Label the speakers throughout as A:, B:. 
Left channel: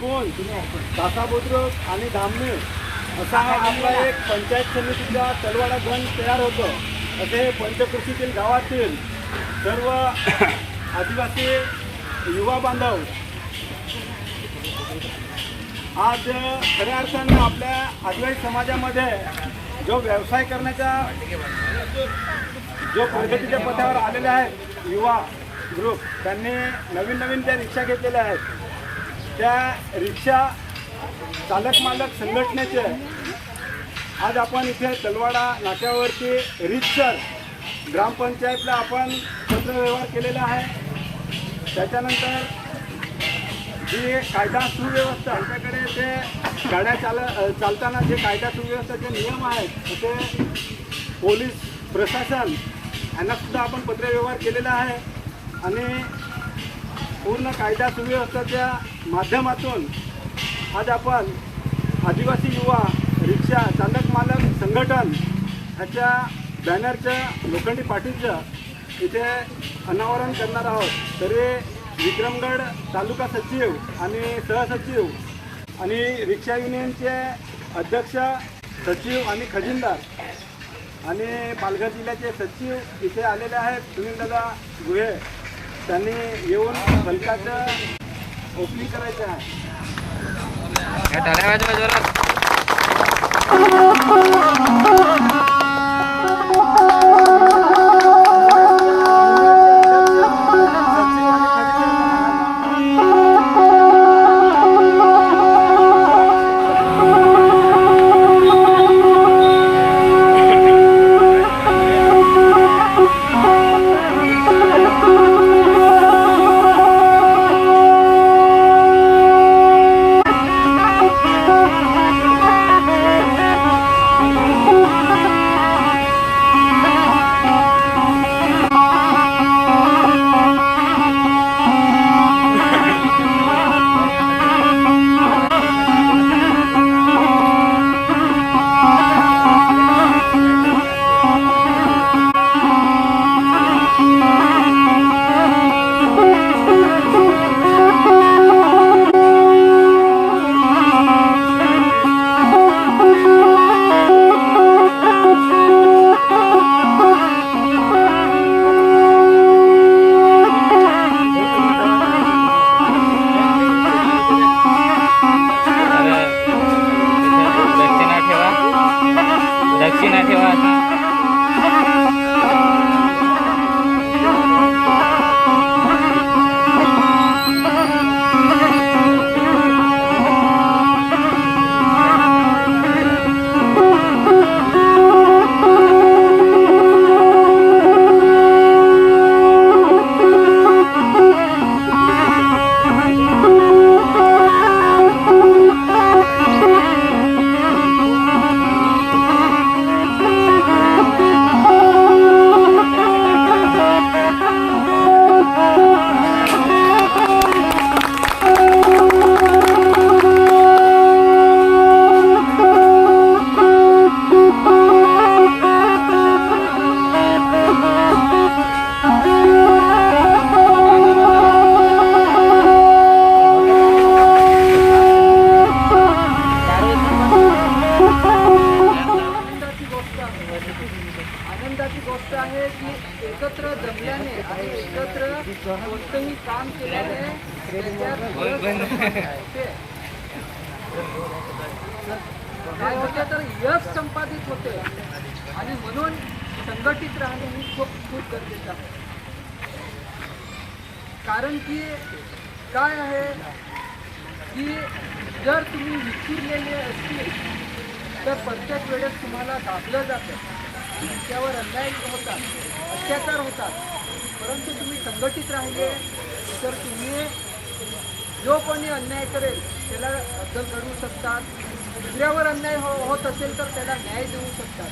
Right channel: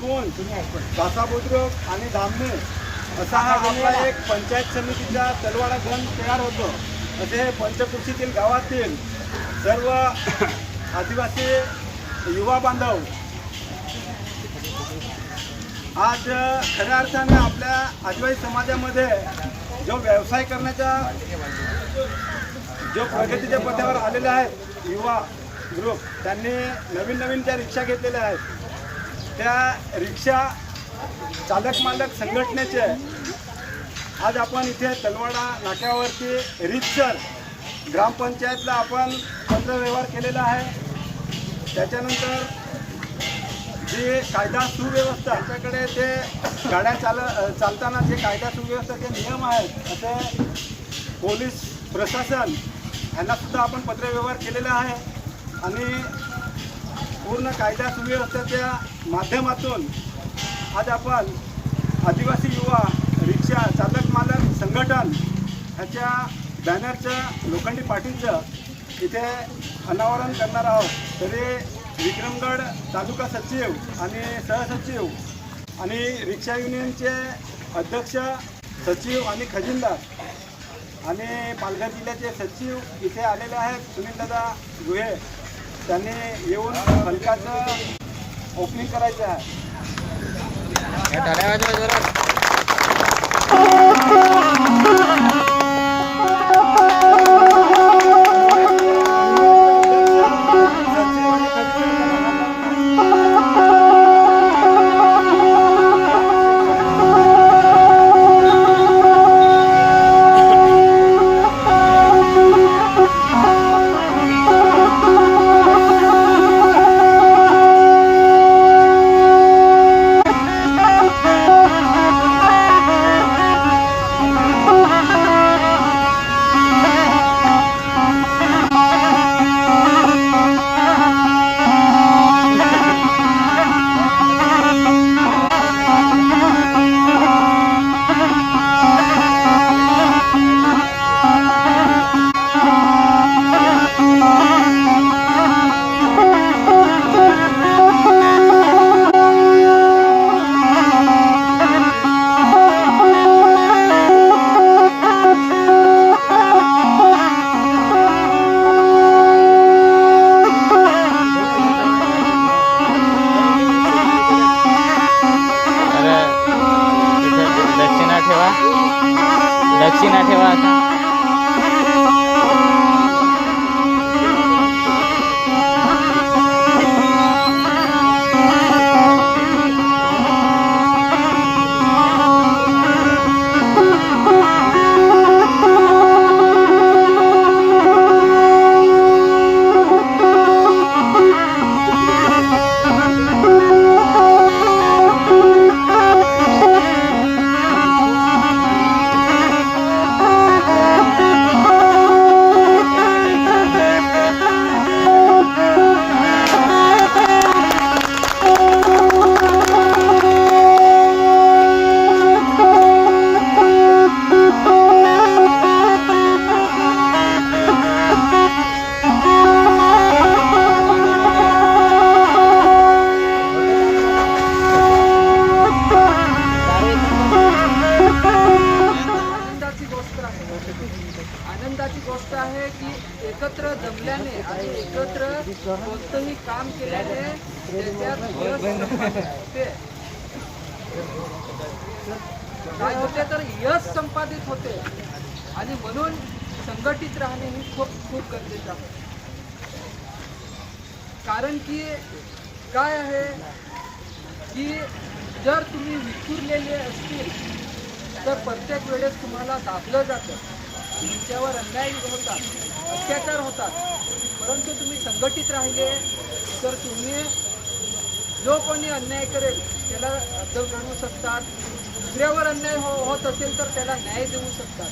A: कोण? काका आणि धामणे असा हा आपला एक पंचायत समितीचा तलवाडा गण तयार होतो. असे पंचकृषीतील गावातील सर्व आदिवासी युवा बांधव आज खऱ्या अर्थानं आपल्या आदिवासी समाजामध्ये जो व्यवसाय करण्याचा जो प्रगतीच्या पथावर आलेले आहेत युवा ग्रुप त्यांनी नवीन नवीन त्या रिक्षा घेतलेल्या आहेत. त्या रिक्षा चालक मालक संघटनेचे आज आपण इथे तलवाडा नाक्यावरती रितसर ग्रामपंचायतला आपण पत्रव्यवहार केलेला आहे. त्याच्यानंतर जी कायदा सुव्यवस्था आमच्याकडे जे गाड्या चाल चालताना जे कायदा सुव्यवस्थाचे नियम आहेत असे पोलीस प्रशासन यांनासुद्धा आपण पत्रव्यवहार केलेला आहे. आणि पूर्ण कायदा सुव्यवस्थेच्या माध्यमातून आज आपण आदिवासी युवा रिक्षा चालक मालक संघटन ह्याच्या बॅनरचं लोखंडी पाटीलचं इथे अनावरण करणार आहोत. तरी विक्रमगड तालुका सचिव आणि सहसचिव आणि रिक्षा युनियनचे अध्यक्ष सचिव आणि खजिनदार आणि पालघर जिल्ह्याचे सचिव इथे आलेले आहेत. सुनीलदादा गुहे. त्यांनी येऊन फलकाचं ओपनिंग करायचं आहे.
B: होते. काय तर यश संपादित होते आणि म्हणून संघटित राहणे ही खूप खूप गरजेचं आहे कारण की काय आहे की जर तुम्ही विखुरलेले असतील तर प्रत्येक वेळेस तुम्हाला दाबलं जातं तुमच्यावर अन्याय होतात अत्याचार होतात परंतु तुम्ही संघटित राहिले तर तुम्ही जो कोणी अन्याय करेल त्याला अद्दल करू शकतात. दुसऱ्यावर अन्याय हो होत असेल तर त्याला न्याय देऊ शकतात.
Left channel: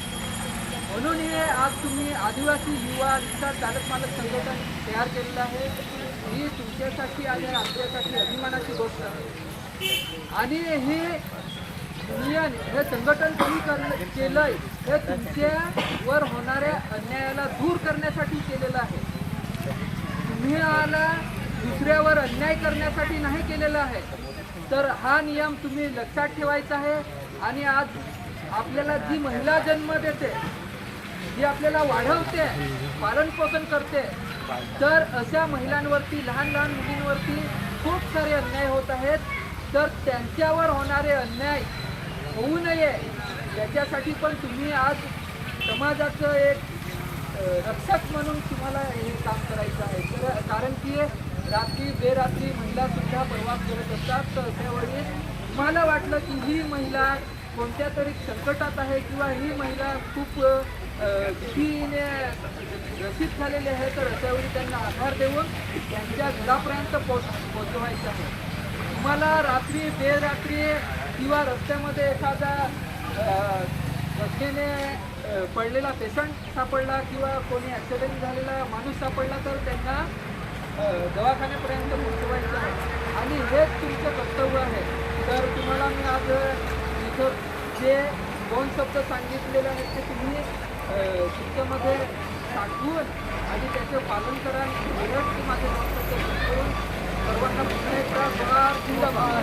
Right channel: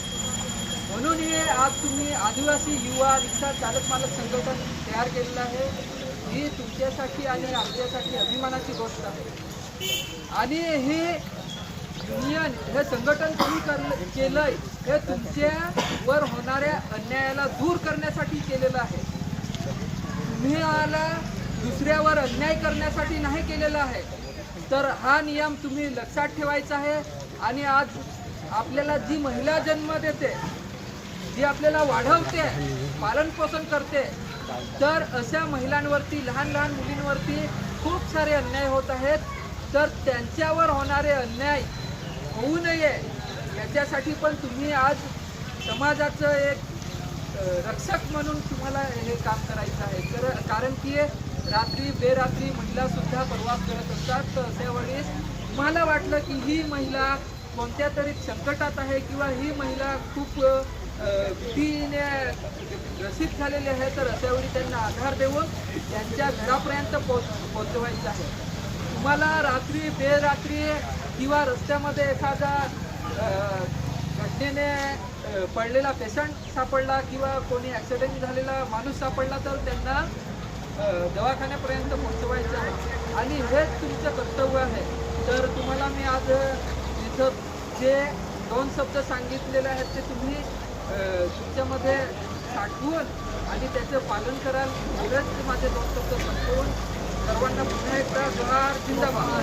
B: म्हणून हे आज तुम्ही आदिवासी युवा रिक्षा चालक मालक संघटन तयार केलेलं आहे. ही तुमच्यासाठी आणि आमच्यासाठी अभिमानाची गोष्ट आहे. आणि ही युनियन हे संघटन तुम्ही कर- केलंय हे तुमच्यावर होणाऱ्या अन्यायाला दूर करण्यासाठी केलेलं आहे. तुम्ही आला दुसऱ्यावर अन्याय करण्यासाठी नाही केलेला आहे. तर हा नियम तुम्ही लक्षात ठेवायचा आहे आणि आज आपल्याला जी महिला जन्म देते जी आपल्याला वाढवते पालन पोषण करते तर अशा महिलांवरती लहान लहान मुलींवरती खूप सारे अन्याय होत आहेत. तर त्यांच्यावर होणारे अन्याय होऊ नये याच्यासाठी पण तुम्ही आज समाजाचं एक रक्षक म्हणून तुम्हाला हे काम करायचं आहे. तर कारण की रात्री बेरात्री महिला सुद्धा प्रवास करत असतात. तर अशा वेळेस तुम्हाला वाटलं की ही महिला कोणत्या तरी संकटात आहे किंवा ही महिला खूप भीतीने ग्रसित झालेली आहे तर अशा वेळी त्यांना आधार देऊन त्यांच्या घरापर्यंत पोच पोचवायचं आहे. तुम्हाला रात्री बेरात्री किंवा रस्त्यामध्ये एखादा घटनेने पडलेला पेशंट सापडला किंवा कोणी ॲक्सिडेंट झालेला माणूस सापडला तर त्यांना दवाखान्यापर्यंत पोहोचवायचं आहे. आणि हेच तुमचं कर्तव्य आहे. तर तुम्हाला मी आज इथं जे दोन शब्द सांगितलेले आहेत ते तुम्ही तुमच्यामध्ये साठवून आणि त्याचं पालन कराल. एवढेच की माझे दोन शब्द सांगून सर्वांना पुन्हा एकदा जोहार जिंदाबाद.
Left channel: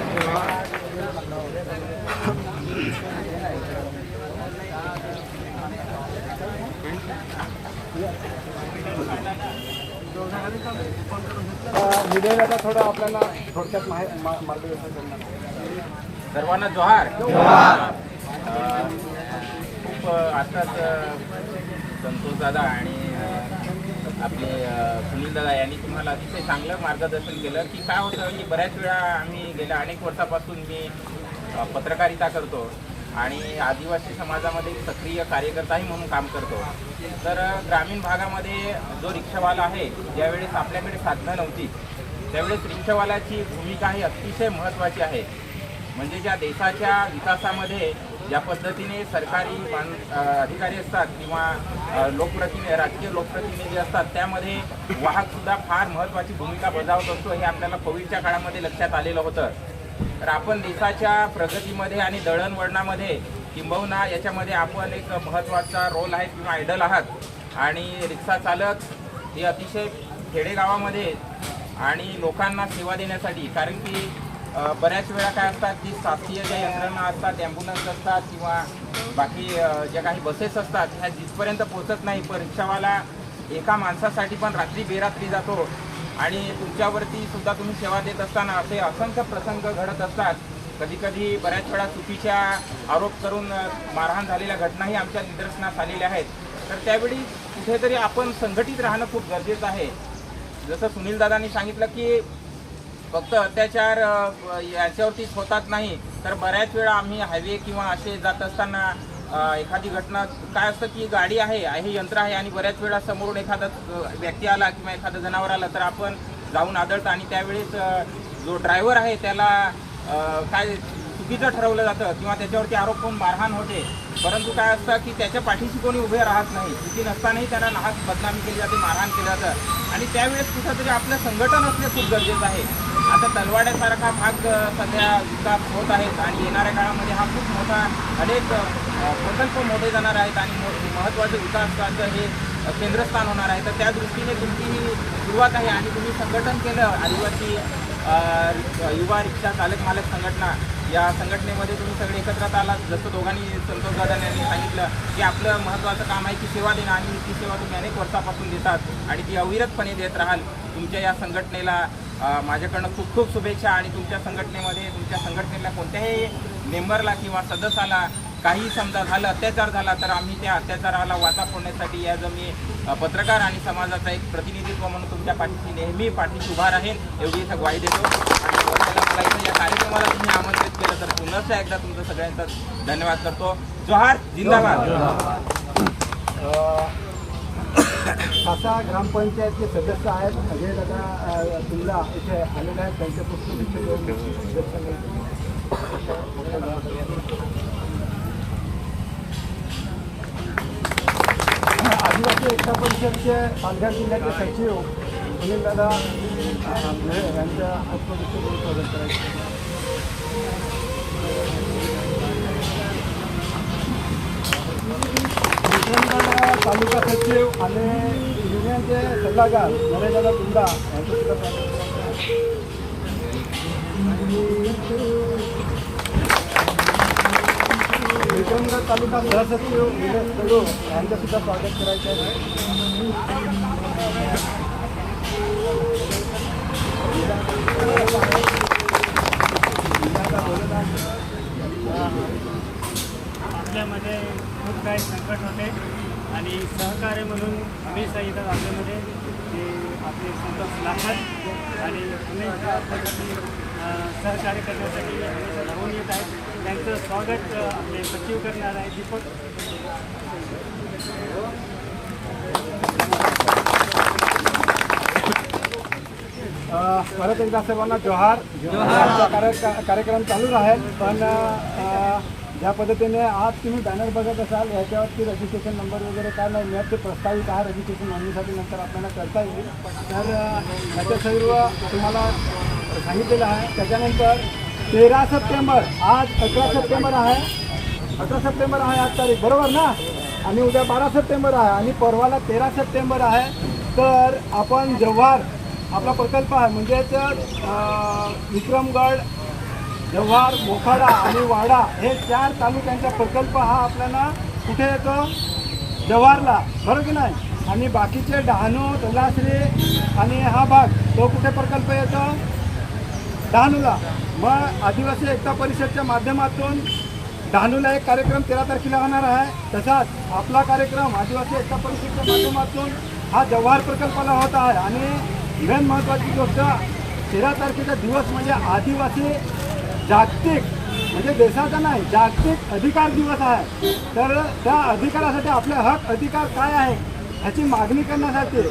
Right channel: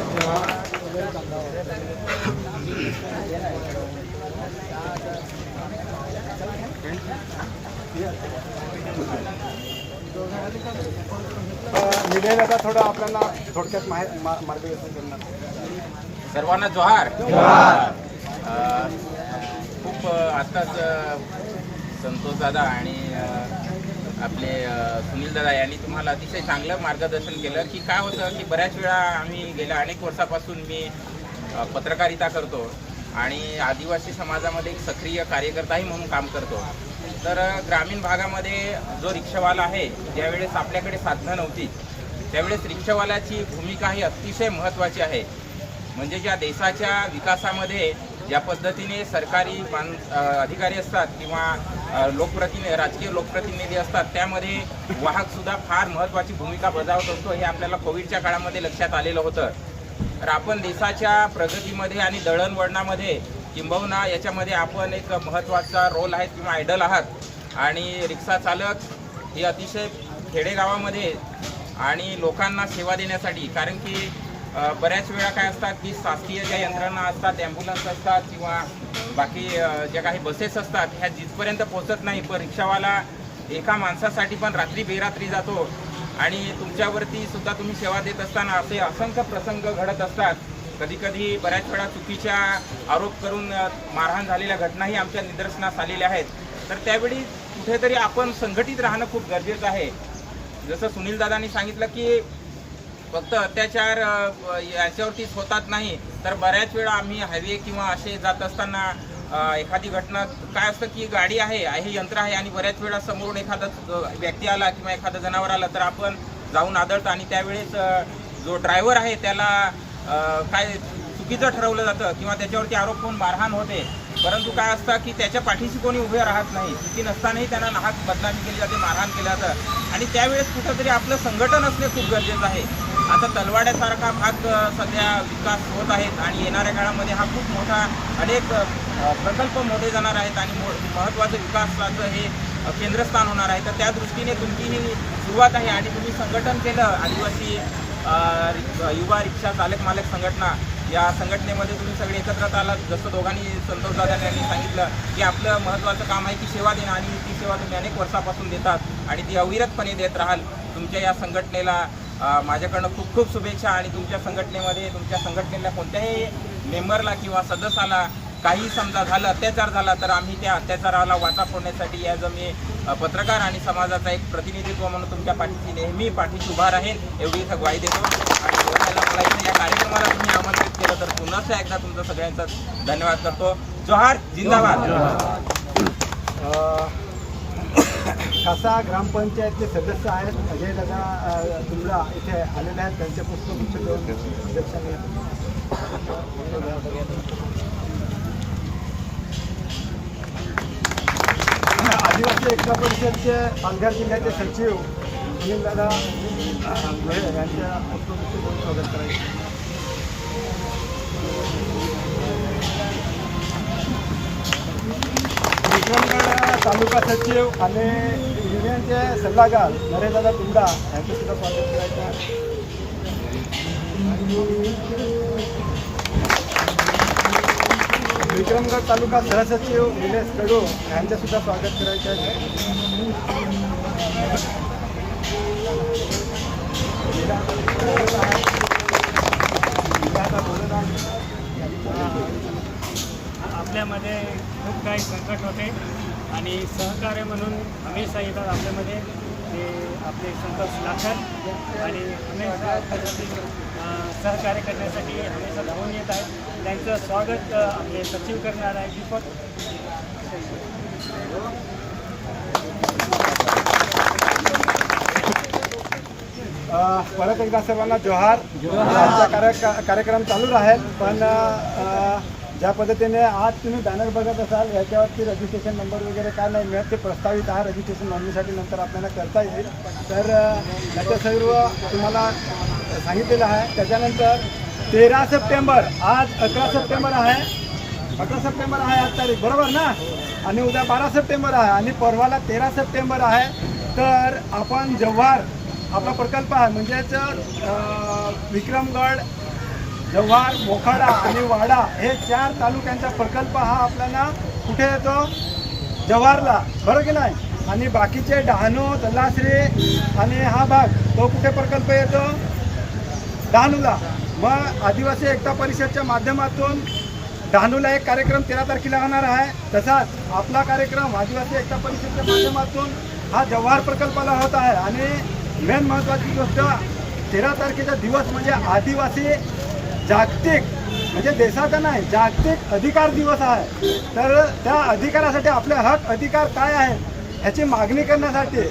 A: दादा थोडं आपल्याला थोडक्यात मार्गदर्शन करणार
C: सर्वांना जोहार. खूप आत्ताच संतोष दादा आणि आपले सुनील दादा यांनी तुम्हाला अतिशय चांगलं मार्गदर्शन केलं की काय होतं की बऱ्याच वेळा आम्ही गेल्या अनेक वर्षापासून मी पत्रकारिता करतो. आणि आदिवासी समाजामध्ये एक सक्रिय कार्यकर्ताही म्हणून काम करतो. तर ग्रामीण भागामध्ये जो रिक्षावाला आहे ज्यावेळेस आपल्याकडे साधनं नव्हती त्यावेळेस रिक्षावाल्याची भूमिका ही अतिशय महत्त्वाची आहे. म्हणजे ज्या देशाच्या विकासामध्ये ज्या पद्धतीने सरकारी मान अधिकारी असतात किंवा लोकप्रतिनि लोकप्रतिनिधी राजकीय लोकप्रतिनिधी असतात त्यामध्ये वाहकसुद्धा फार महत्त्वाची भूमिका बजावत असतो हे आपल्याला कोविडच्या काळामध्ये लक्षात आलेलं होतं. तर आपण देशाच्या प्रगतीमध्ये आणि दळणवळणामध्ये किंबहुना याच्यामध्ये आपण एक महत्त्वाचा रोल आहे किंवा आयडल आहात. आणि रिक्षा चालक हे अतिशय खेडेगावामध्ये आणि लोकांना सेवा देण्यासाठी कारण की बऱ्याच वेळा काय असतात की शासकीय ज्या यंत्रणा असतात ॲम्ब्युलन्स असतात किंवा बाकी ज्या काही बसेस असतात ह्या जिथपर्यंत पोहोचत नाही पण रिक्षावाला एका माणसासाठी पण रात्री बेरात्री जातो. आणि तुमच्यावरती सुद्धा तुम्ही सेवा देत असताना असे असंख्य प्रसंग घडत असतात. कधी कधी बऱ्याच वेळा चुकीच्या आरोप करून मारहाण झालेल्या घटनाही आमच्या निदर्शनास आलेल्या आहेत. तर त्यावेळी कुठेतरी आपण संघटित राहणं खूप गरजेचं आहे. जसं सुनील दादांनी सांगितलं की फक्त अत्याचार याच्यावरतीच होतात नाही तर बऱ्याच वेळा आम्ही हायवे किंवा असे जात असताना एखादी घटना काय असतं की गाडी आहे हे यंत्र आहे आणि बऱ्याच वेळा समोरून एखादा व्यक्ती आला किंवा एखादं जनावर आलं तर आपण जाऊन आदळतं आणि त्यावेळेस जो ड्रायव्हर आहे त्याला काय चुकीचं ठरवलं जातं किंवा त्याच्यावरती आरोप होऊन मारहाण होते. परंतु काय असतं की त्याच्या पाठीशी कोणी उभे राहत नाही. चुकी नसतानाही त्यांना नाहक बदनामी केली जाते मारहाण केलं जातं. आणि त्यावेळेस कुठंतरी आपलं संघटन असणं खूप गरजेचं आहे. आता तलवाड्यासारखा भाग सध्या विकास होत आहेत आणि येणाऱ्या काळामध्ये हा खूप मोठा अनेक प्रकल्प मोठे जाणार आहेत आणि म- महत्त्वाचं विकासाचं हे केंद्रस्थान होणार आहे. तर त्या दृष्टीने तुमची ही सुरुवात आहे आणि तुम्ही संघटन केलं आदिवासी युवा रिक्षा चालक मालक संघटना या संघटनेमध्ये तुम्ही सगळे एकत्रात आलात. जसं दोघांनी संतोष दादा यांनी सांगितलं की आपलं महत्त्वाचं काम आहे की सेवा देणं आणि ती सेवा तुम्ही अनेक वर्षापासून देतात आणि ती अविरतपणे देत राहाल. तुमच्या या संघटनेला माझ्याकडनं खूप खूप शुभेच्छा आणि तुमच्या संघटनेमध्ये तुमच्या संघटनेला कोणत्याही मेंबरला किंवा सदस्याला काही समजा झालं अत्याचार झाला तर आम्ही त्या अत्याचाराला वाचा फोडण्यासाठी या मी पत्रकार आणि समाजाचा एक प्रतिनिधित्व म्हणून तुमच्या पाठीशी नेहमी पाठीशी उभा राहील एवढी इथं ग्वाही देतो. आणि मला इथे या कार्यक्रमाला तुम्ही आमंत्रित केलं तर पुन्हा एकदा तुमचं सगळ्यांचा धन्यवाद करतो. जोहार जिंदाबाद.
A: खासा ग्रामपंचायतचे सदस्य आहेत. अजय दादा तुमला इथे आलेले आहेत. त्यांच्यापासून निश्चित आदिवासी एकता परिषदचे पालघर जिल्ह्याचे सचिव सुनील दादा यांच्या हस्तदृष्टी दोन स्वागत करायचे. विक्रमगड तालुका सचिव आणि युनियनचे सल्लागार नरेशदादा तुंडा यांचं सुद्धा स्वागत करायचं आहे. विक्रमगड तालुका सहसचिव निलेश कडू यांचं सुद्धा स्वागत करायचं आहे बोलत आहे.
D: आपल्यामध्ये खूप काही संकट होते. आणि सहकार्य म्हणून हमेशा येतात आपल्यामध्ये. ते आपले संतोष लाखत. आणि हमेशा आपल्यासाठी सहकार्य करण्यासाठी हमेशा धावून येत आहेत. त्यांचं स्वागत आपले सचिव करणार आहे दीपक.
A: परत एकदा सर्वांना जोहार. आजचा कार्य- कार्यक्रम चालू राहील पण ज्या पद्धतीने आज तुम्ही बॅनर बघत असाल याच्यावरती रजिस्ट्रेशन नंबर वगैरे काय नाही मिळत ते प्रस्तावित आहे रजिस्ट्रेशन नोंदणीसाठी नंतर आपल्याला करता येईल. तर अ, याचं सर्व तुम्हाला सांगितलेलं आहे. त्याच्यानंतर तेरा सप्टेंबर आज अकरा सप्टेंबर आहे. अकरा सप्टेंबर आहे आज तारीख बरोबर ना? आणि उद्या बारा सप्टेंबर आहे आणि परवाला तेरा सप्टेंबर आहे. तर आपण जव्हार आपला प्रकल्प आहे म्हणजेच विक्रमगड जव्हार मोखाडा आणि वाडा हे चार तालुक्यांचा प्रकल्प हा आपल्याला कुठे येतो? जव्हारला. बरं की नाही? आणि बाकीचे डहाणू तलासरी आणि हा भाग तो कुठे प्रकल्प येतो? डहाणूला. मग आदिवासी एकता परिषदच्या माध्यमातून डहाणूला एक कार्यक्रम तेरा तारखेला होणार आहे. तसाच आपला कार्यक्रम आदिवासी एकता परिषदच्या माध्यमातून हा जव्हार प्रकल्पाला होत आहे. आणि मेन महत्त्वाची गोष्ट तेरा तारखेचा दिवस म्हणजे आदिवासी जागतिक म्हणजे देशाचा नाही जागतिक अधिकार दिवस आहे. तर त्या अधिकारासाठी आपले हक अधिकार काय आहेत ह्याची मागणी करण्यासाठी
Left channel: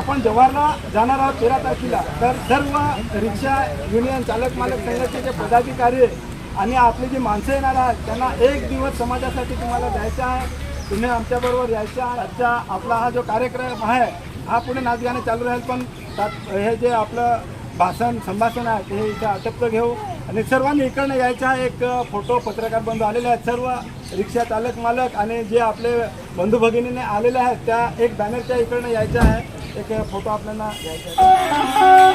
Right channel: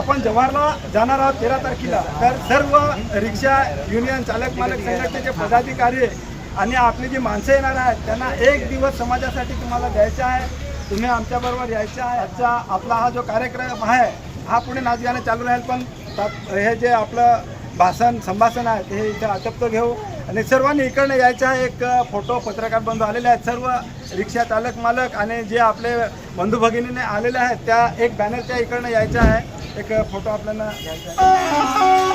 A: आपण जव्हारला जाणार आहोत तेरा तारखेला. तर सर्व रिक्षा युनियन चालक मालक संघटनेचे पदाधिकारी आणि आपली जी माणसं येणार आहेत त्यांना एक दिवस समाजासाठी तुम्हाला द्यायचा आहे. तुम्ही आमच्याबरोबर यायचं आहे. आजचा आपला हा जो कार्यक्रम आहे हा पुढे नाचगाणे चालू राहील. पण हे जे आपलं भाषण संभाषण आहे ते हे इथे आटपतं घेऊ. आणि सर्वांनी इकडनं यायचा आहे एक फोटो पत्रकार बंधू आलेले आहेत. सर्व रिक्षा चालक मालक आणि जे आपले बंधू भगिनीने आलेले आहेत त्या एक बॅनरच्या इकडनं यायचं आहे. एक फोटो आपल्याला घ्यायचा आहे.